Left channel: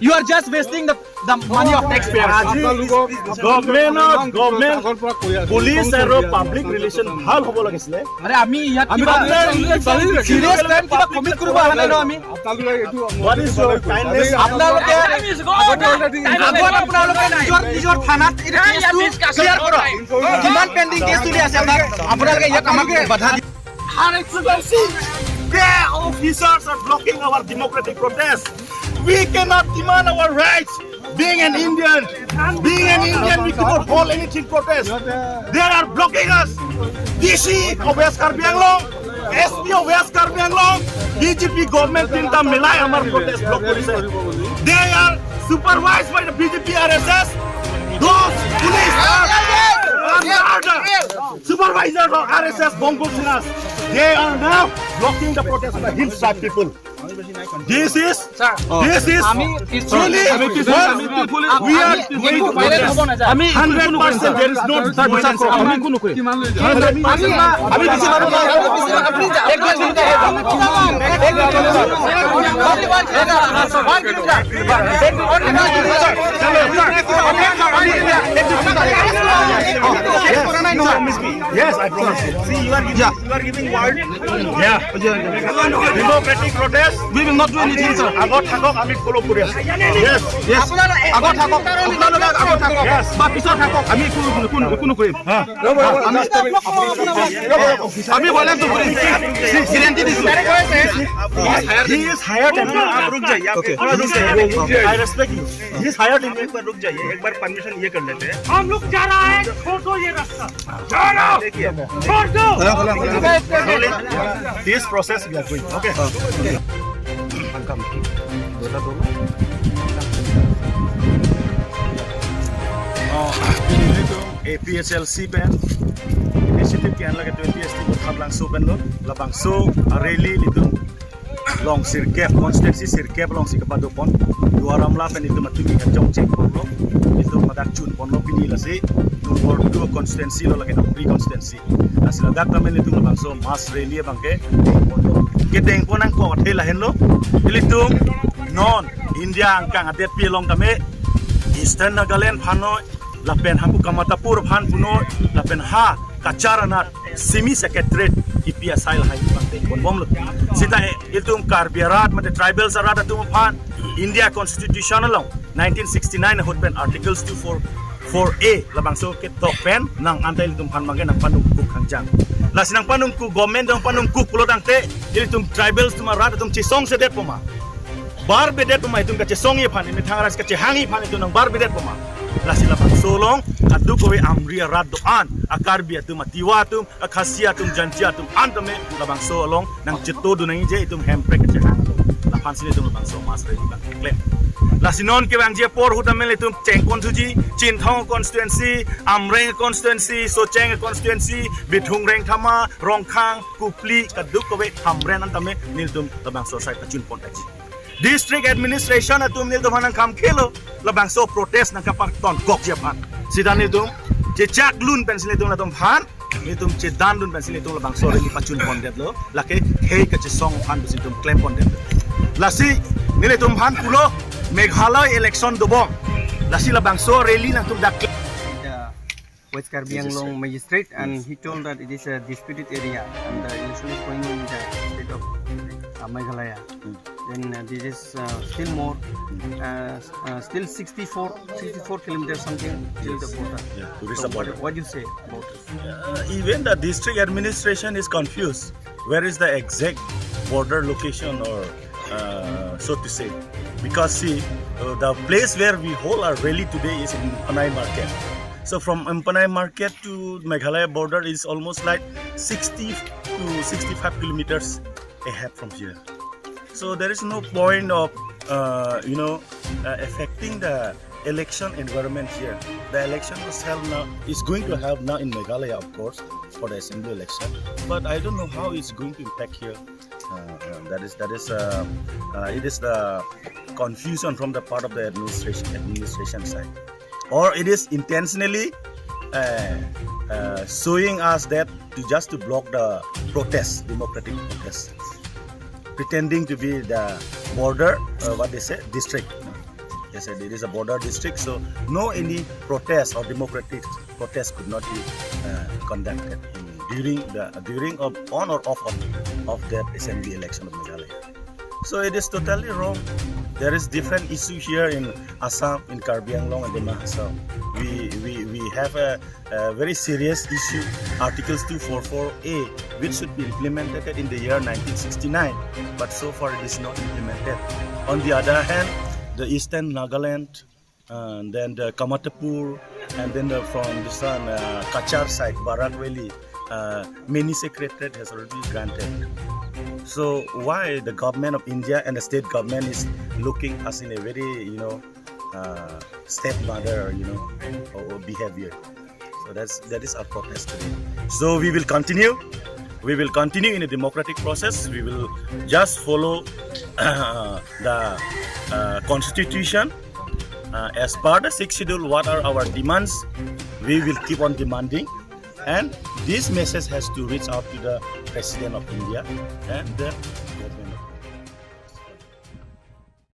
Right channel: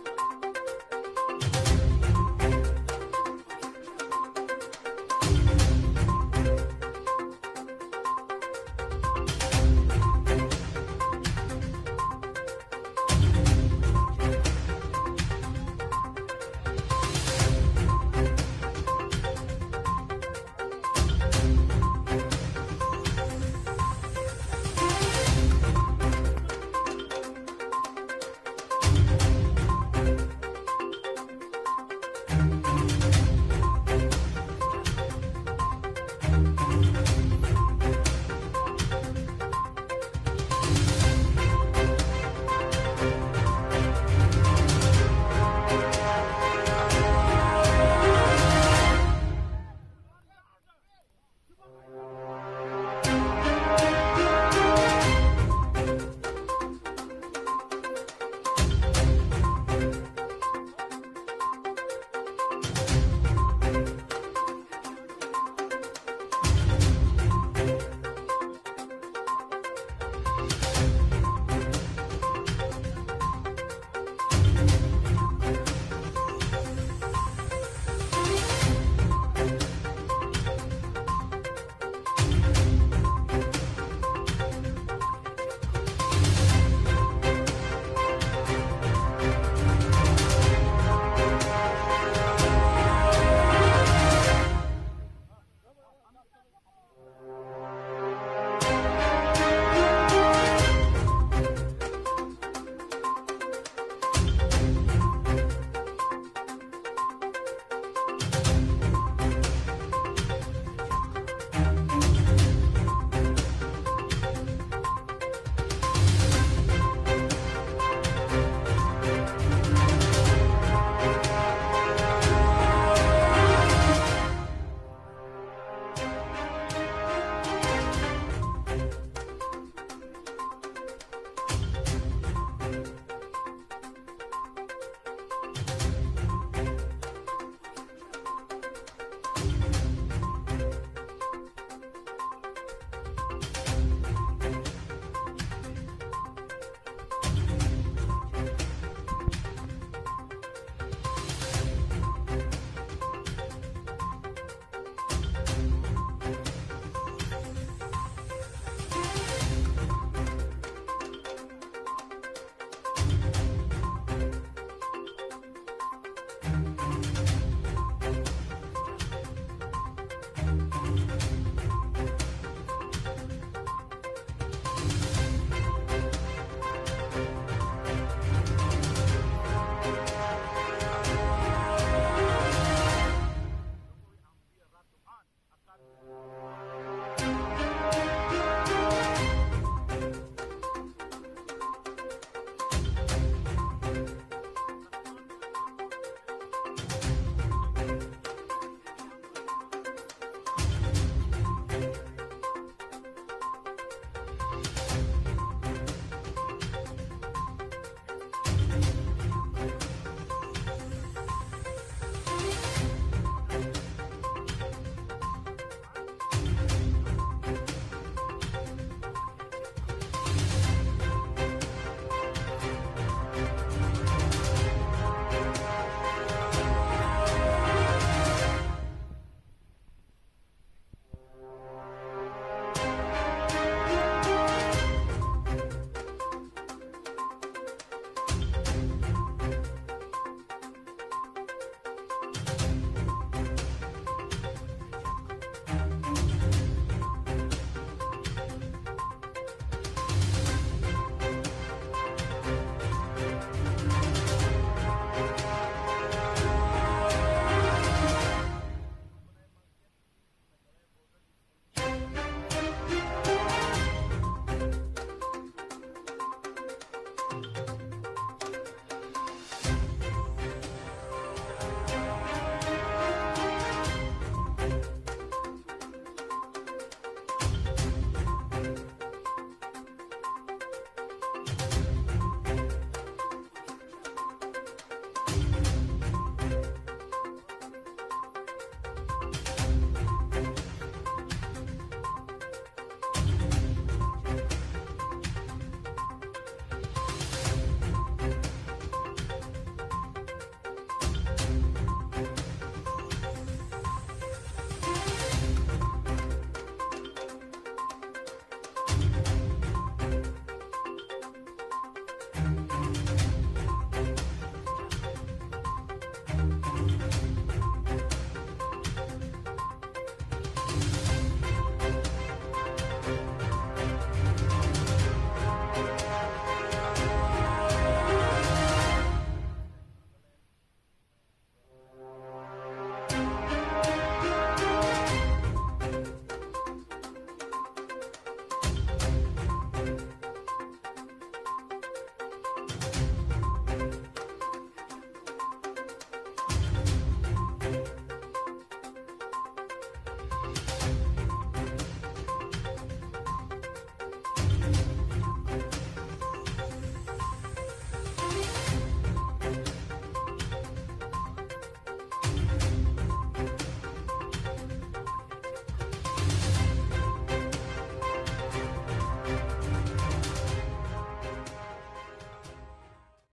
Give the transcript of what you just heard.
You are just wasting the money of taxpayers. Government, police and public relation ভাল হ'ব লাগিছিলে। আরে আমি ইয়াত কিবা serious crime কিবা commit কৰিব আহা নাই ন আমি। What is your kindness? আপোনালোকে নিজৰ থানাত এটা কেছটো ক্লিয়াৰ কৰক। কিমান পেন্ডিং কেছ চলি আছে আপোনালোকে ইয়াত আমাক বাধা দি Her Excellency, their officers are blocking our democratic protest. We cannot demand our rights. Being an Indian, we cannot hold anything protest. They are blocking us. DC of West Karbi Anglong, SP of West Karbi Anglong, BJP government tinta milai amar protest block police. They are supervised by the BJP RSS. Those police are supervisors of RSS Bongo Sinas. They are now blocking the protest of the hillside people. This is truly we are going to protest. 100% there is no Yes, I promise you. See, you are giving word. Yeah. Democratic protest. We will not do anything, sir. Agot thakok, ami follow kori asu. Yes. Agot thakok. Yes. But pisot thakok. Ami কোনো কৰিম। আমি বলে তো কৰিম। সিলেন্টি দিছো। He is hired and आप रुक जाइए। Okay. I respect you. He is hired and एक बार रुक जाइए। एक बार परमिशन ये कर लेते हैं। हम लोग जा रहा है, छोड़ दो ये रास्ता। छोड़ दो। This process we are going. Okay. APSLC pen. Initiative can look at the APSLC labangso pen lo. Labangso rally itu long sirkep constituency sirkep long sikapado-pon. Dua ramla pen itu matu jong cek pon. Itu madak chun pon lo pini lasi. For dua constituency lo lagi Amri constituency. Nasi lagat tamen itu labangso mass rally bangke. Keteng ponang ko athela henlo. Itu non India angkang adet pi long tame Eastern Nagaland phano lapen hampu kamatapur phan puno lapen ha kacharanat semi secretariat IPA sail hai bangte bonbom lo sita itum karbiarat mate tribals arata tum phan India constitutional law 1969 hot pen articles 244A labangso ke top pen nang antai tum phan mage nang panung ku khanjang lasinang panung ku government dang panung ku pulodang te itum tribals tum arata tum chisong sedet poma bar bedet poma itum ka chisong ye phan ni thangaras ka chihangi phan itum nang bar bedet poma lasila solong adu kowe amri arat doan akarbi atum atiwa tum akhasia tum janjia tum antame labang solong nang jito du nang je itum hemprek ke la phansile tum labang so mas re ba klem lasinon ke bang je por hutamel itum chengkon tuji chinthong constituency amreng constituency socheng constituency bithung reng thama rongkhang kupli kadu kowe amren antame niltum labang so sai tachun pontai District administration atum nil domanang kam khelo labang so protest nang kapang ton gok japan sidan itum je jak lun pensil itum latom phan itum je dan lun pensil itum labang so re pachun pondet lo lake hei ka je song phan itum claim pondet lasi nil itum phan pulo Meghalaya election dobong lasi labang so rally nang tum dak West Karbi Anglong magistrate and he told that it is a disputed area and it is going in the state of Meghalaya. Then this is still more, still 64 kilometers something till the border. Reach the border. What do you say about this? Even the district administration is confused. Where is the exact border location or so to say? Because see, the place where we hold our rally today is in Umpanai market. So from Umpanai market to Meghalaya border is almost like 60 to 65 kilometers ahead from here. So there is no point of affecting the election environment here. The election is going to have now in Meghalaya, of course, for the assembly election. But I don't know how it's going to impact here. It is the confusion from the part of the administration side, or it is intentionally showing us that just to block the protest, democratic protest, pretending to be the border, what they say, district. They said it is a border district, so no any protest or democratic protest could not be conducted during on or off of that assembly election of Meghalaya. So it is totally wrong. There is different issue here in Assam, in Karbi Anglong and in Assam. We have a very serious issue, Articles 244A, which should be implemented in the year 1969, but so far it is not implemented. On the other hand, the Eastern Nagaland, and then the Kamatapur, and then from this Kachar side, Barakweli, many secretariat has already been granted. So why the government of India and the state government is looking us in a very, stepmother, or behavior? So that is our protest. So we will continue. We will continue in a democratic process. We will just follow the constitution. As per the 6th schedule, what are our demands? We will keep on demanding. And this message has to reach out to the President of India and then